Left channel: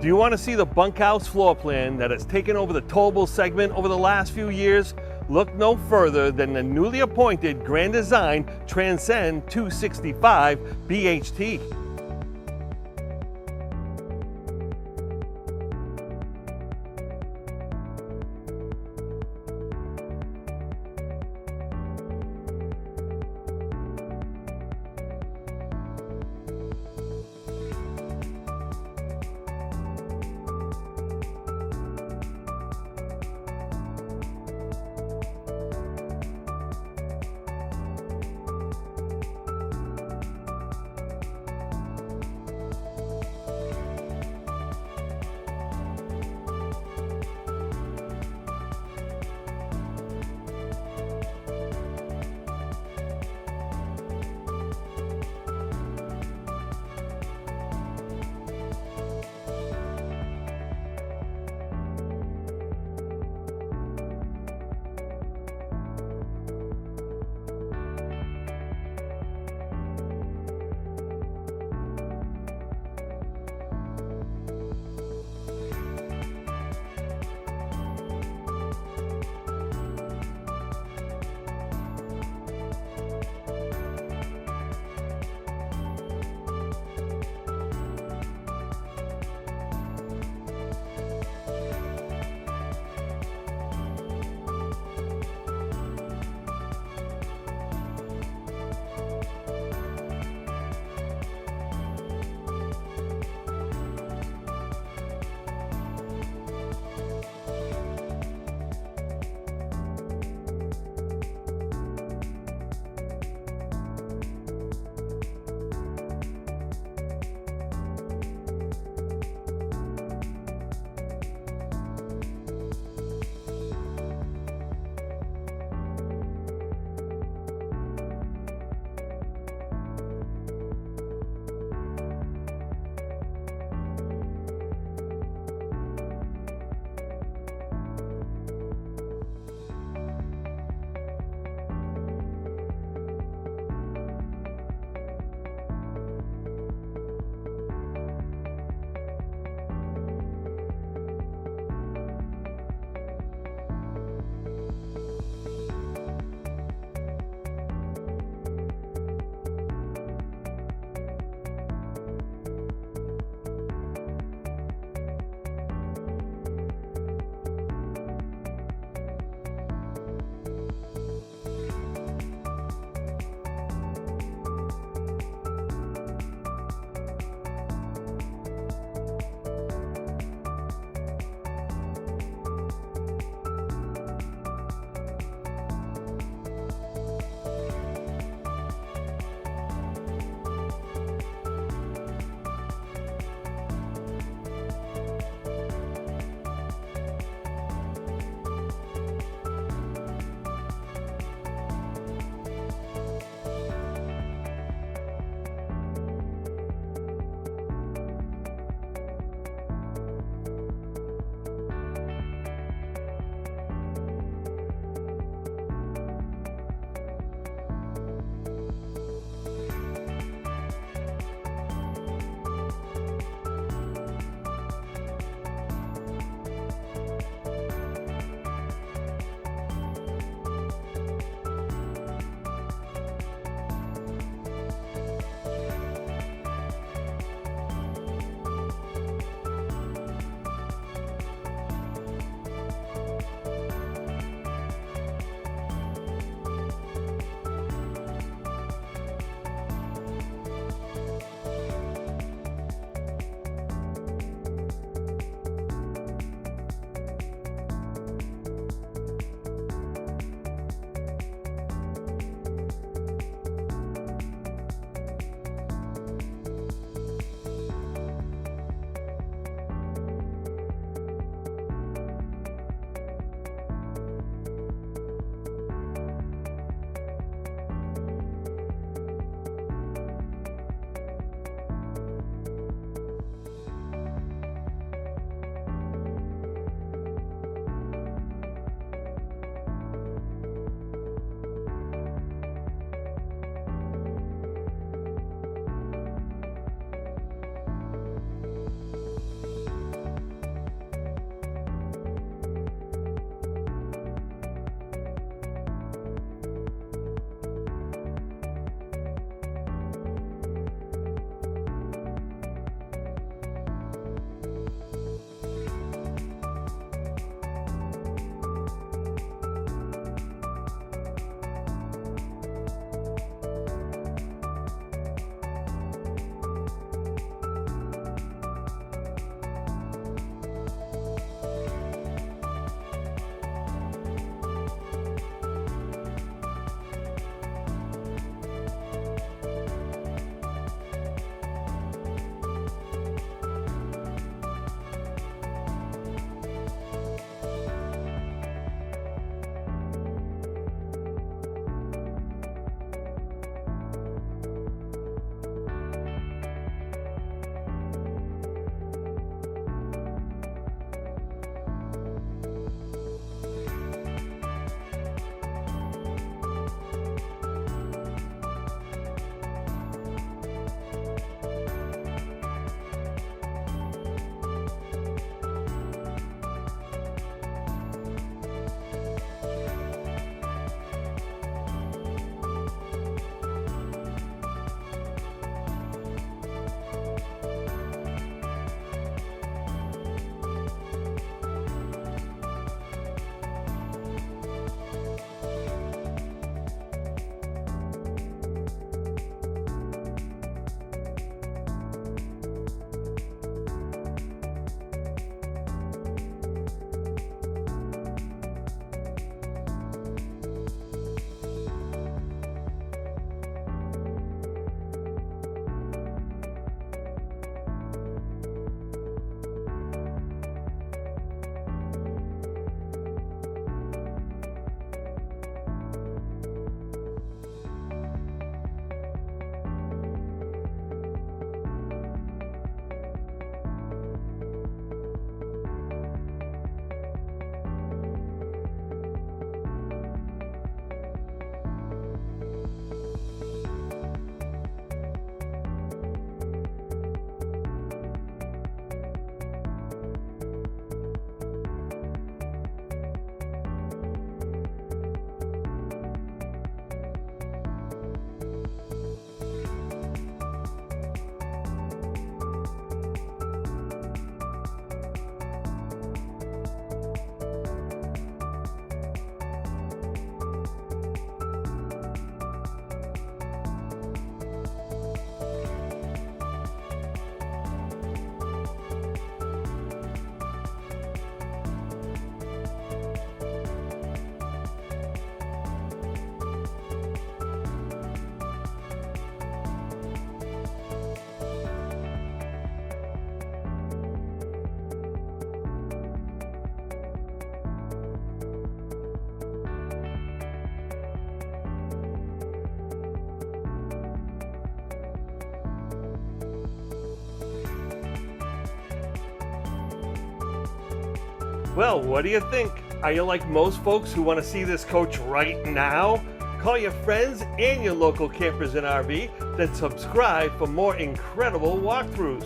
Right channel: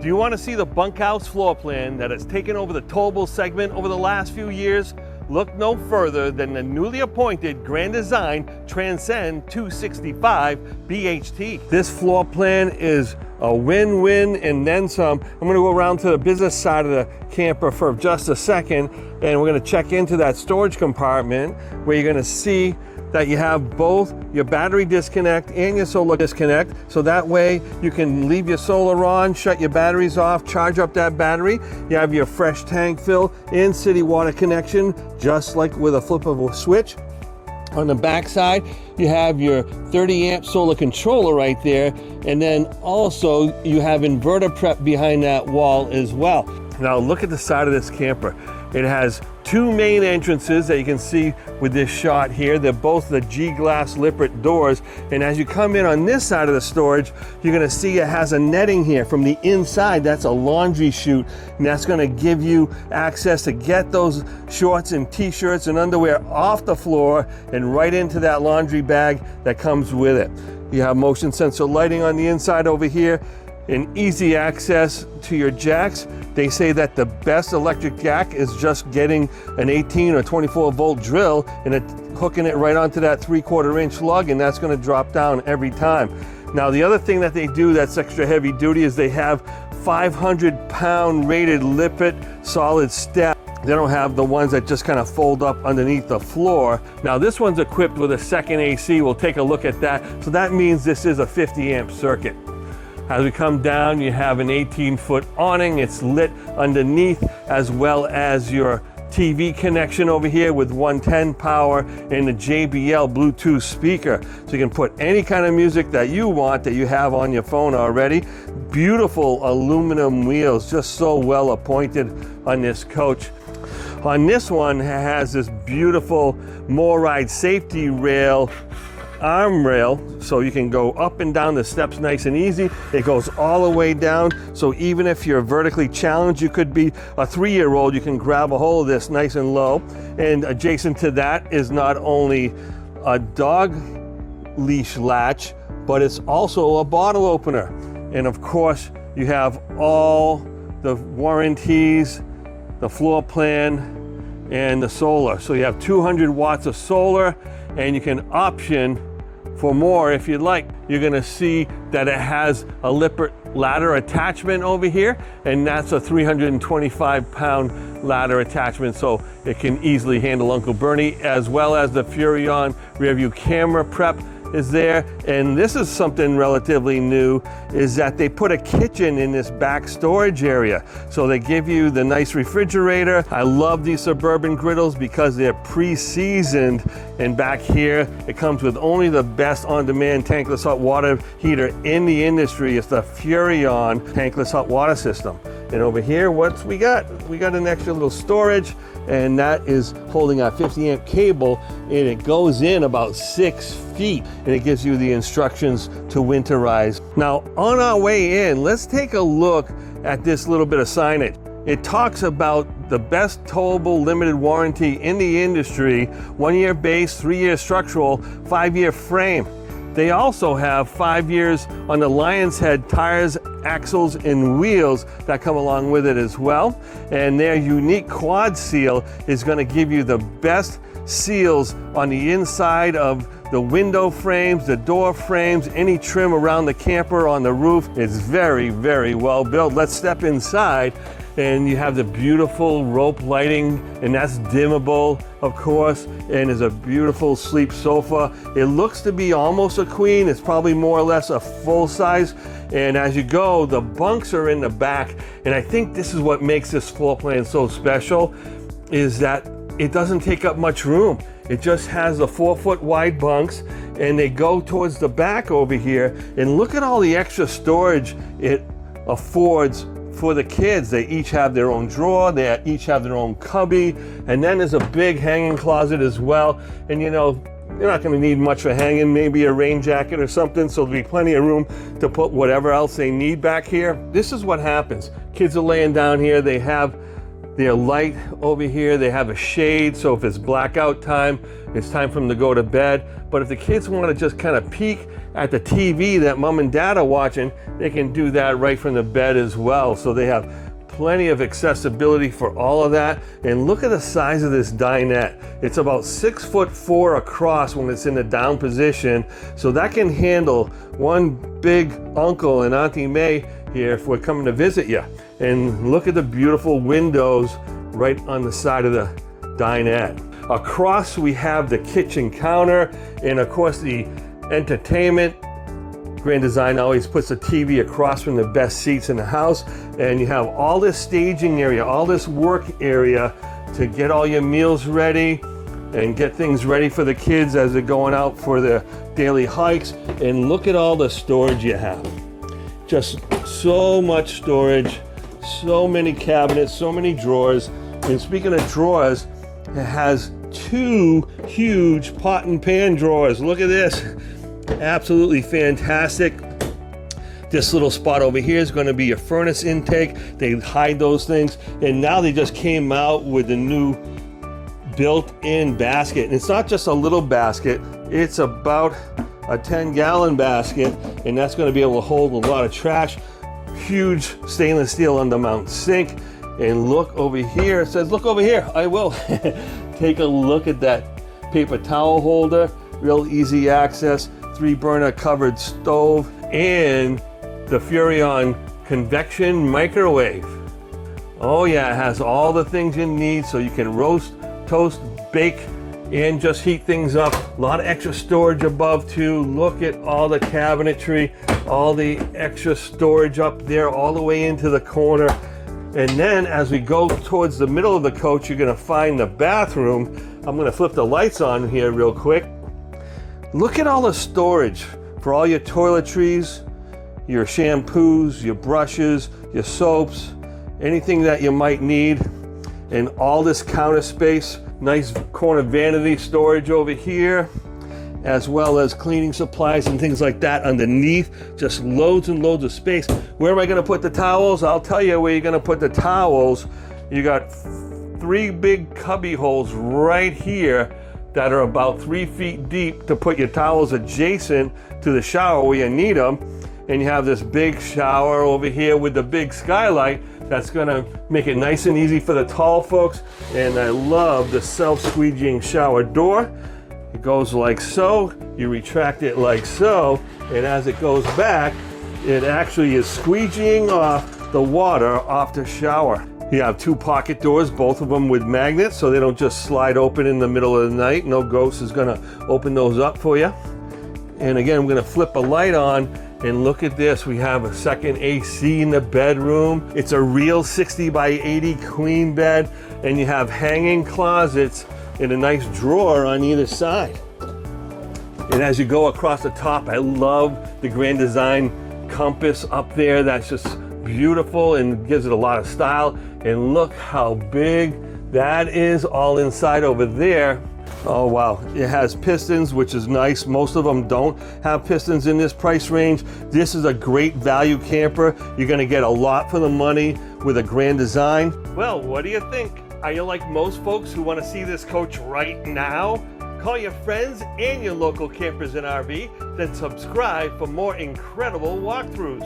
Do you want to see the bunkhouse floor plan that has taken over the towable segment over the last few years? Look no further than the newly appointed Grand Design Transcend 265BHT. This floor plan is a win-win and then some. I'm going to go around to the business side of the camper for just a second, and we're going to check into that storage compartment where you're going to see that you have both your battery disconnect and your solar disconnect. So that way you can leave your solar on, shut your batteries off, charge up that battery. You have your fresh tank fill and city water connection, just like with a flip of a switch. On the back side, you have your 30 amp solar controller right there. And then also you have inverter prep behind that wall as well. Now look at the side of this camper. It has two main entrances that you can see with this shot here. They're both the G-glass Lippert doors. And as you come in on this side of the storage, you're gonna see it has a netting here from the inside. That's a laundry chute, and that's gonna give you access to get those shorts and t-shirts and underwear off the floor and right into that laundry bag that comes with it. You have motion sensor lighting on the inside over here and easy access to your jacks. They say that the best electric jack is just getting an 18 or 24 volt drill and hooking it right onto that 3/4 inch lug, and that's gonna drop down every time. Now the other thing that they do that's extra heavy duty is they have 500-pound rated Lippert solid step. They don't have the ones that just kind of fold up underneath the floor. Now this one's equipped with a second AC. We'll take a look at that. So that means this is a 50 amp circuit. As we come down, you have an 18-foot awning. It's lit underneath, as well as your TV connection over here with 110 power and the JBL Bluetooth speaker. So you can put any kind of music that you want that you have on your phone already. Beautiful aluminum wheels, just so well appointed on this coach. On this one, it has this beautiful MORryde safety rail, arm rail, so you can go up and down the steps nice and easy. It goes all the way down, so even if you're vertically challenged, you could be a 3-year-old, you can grab a hold of this nice and low. And adjacent to that is not only a dog leash latch, but it's also a bottle opener. And of course, you have all the warranties, the floor plan, and the solar. So you have 200 watts of solar, and you can option for more if you'd like. You're gonna see that it has a Lippert ladder attachment over here, and that's a 325-pound ladder attachment, so it can easily handle Uncle Bernie, as well as the Furrion rear view camera prep is there. And this is something relatively new, is that they put a kitchen in this back storage area. So they give you the nice refrigerator. I love these Suburban griddles because they're pre-seasoned. And back here, it comes with only the best on-demand tankless hot water heater in the industry. It's the Furrion tankless hot water system. And over here, what's we got? We got an extra little storage, and that is holding our 50 amp cable, and it goes in about 6 feet, and it gives you the instructions to winterize. Now, on our way in, let's take a look at this little bit of signage. It talks about the best towable limited warranty in the industry, 1-year base, 3-year structural, 5-year frame. They also have 5 years on the Lion's Head tires, axles, and wheels that come along with it as well. And their unique quad seal is going to give you the best seals on the inside of the window frames, the door frames, any trim around the camper on the roof. It's very, very well built. Let's step inside. And you have the beautiful rope lighting, and that's dimmable, of course, and there's a beautiful sleep sofa. It looks to be almost a queen. It's probably more or less a full size. And as you go, the bunks are in the back. And I think this is what makes this floor plan so special, is that it doesn't take up much room. It just has the 4-foot wide bunks, and they go towards the back over here. And look at all the extra storage it affords for the kids. They each have their own drawer, they each have their own cubby, and then there's a big hanging closet as well. And you know, you're not going to need much for hanging, maybe a rain jacket or something, so there'll be plenty of room to put whatever else they need back here. This is what happens. Kids are laying down here, they have their light over here, they have a shade, so if it's blackout time, it's time for them to go to bed. But if the kids want to just kind of peek at the TV that mom and dad are watching, they can do that right from the bed as well. So they have plenty of accessibility for all of that. And look at the size of this dinette. It's about 6'4" across when it's in the down position. So that can handle one big uncle and Auntie May here if we're coming to visit you. And look at the beautiful windows right on the side of the dinette. Across we have the kitchen counter, and of course the entertainment. Grand Design always puts a TV across from the best seats in the house, and you have all this staging area, all this work area to get all your meals ready and get things ready for the kids as they're going out for their daily hikes. And look at all the storage you have. Just so much storage, so many cabinets, so many drawers. And speaking of drawers, it has 2 huge pot and pan drawers. Look at this. Absolutely fantastic. This little spot over here is going to be your furnace intake. They hide those things, and now they just came out with the new built-in basket. And it's not just a little basket, it's about a 10-gallon basket, and that's going to be able to hold a lot of trash. Huge stainless steel undermount sink. And look over here, it says look over here. I will. Take a look at that paper towel holder, real easy access. 3-burner covered stove, and the Furrion Convection Microwave. Oh yeah, it has all the things you need so you can roast, toast, bake, and just heat things up. A lot of extra storage above too. Look at all the cabinetry, all the extra storage up there all the way into the corner. And then as we go towards the middle of the coach, you're gonna find the bathroom. I'm gonna flip the lights on here real quick. Look at all the storage for all your toiletries, your shampoos, your brushes, your soaps, anything that you might need. And all this counter space, nice corner vanity storage over here, as well as cleaning supplies and things like that underneath. Just loads and loads of space. Where am I gonna put the towels? I'll tell you where you're gonna put the towels. You got 3 big cubby holes right here that are about 3 feet deep to put your towels adjacent to the shower where you need them. And you have this big shower over here with the big skylight that's gonna make it nice and easy for the tall folks. And I love the self-squeegeeing shower door. It goes like so, you retract it like so, and as it goes back, it actually is squeegeeing off the water off the shower. You have 2 pocket doors, both of them with magnets, so they don't just slide open in the middle of the night. No ghost is gonna open those up for you. And again, I'm gonna flip a light on, and look at this. We have a second AC in the bedroom. It's a real 60 by 80 queen bed, and you have hanging closets and a nice drawer on either side. And as you go across the top, I love the Grand Design compass up there. That's just beautiful and gives it a lot of style. And look how big that is all inside over there. Oh wow, it has pistons, which is nice. Most of them don't have pistons in this price range. This is a great value camper. You're gonna get a lot for the money with a Grand Design. Well, what do you think? Are you like most folks who wanna see this coach right now? Call your friends and your local campers in RV, then subscribe for more incredible walkthroughs.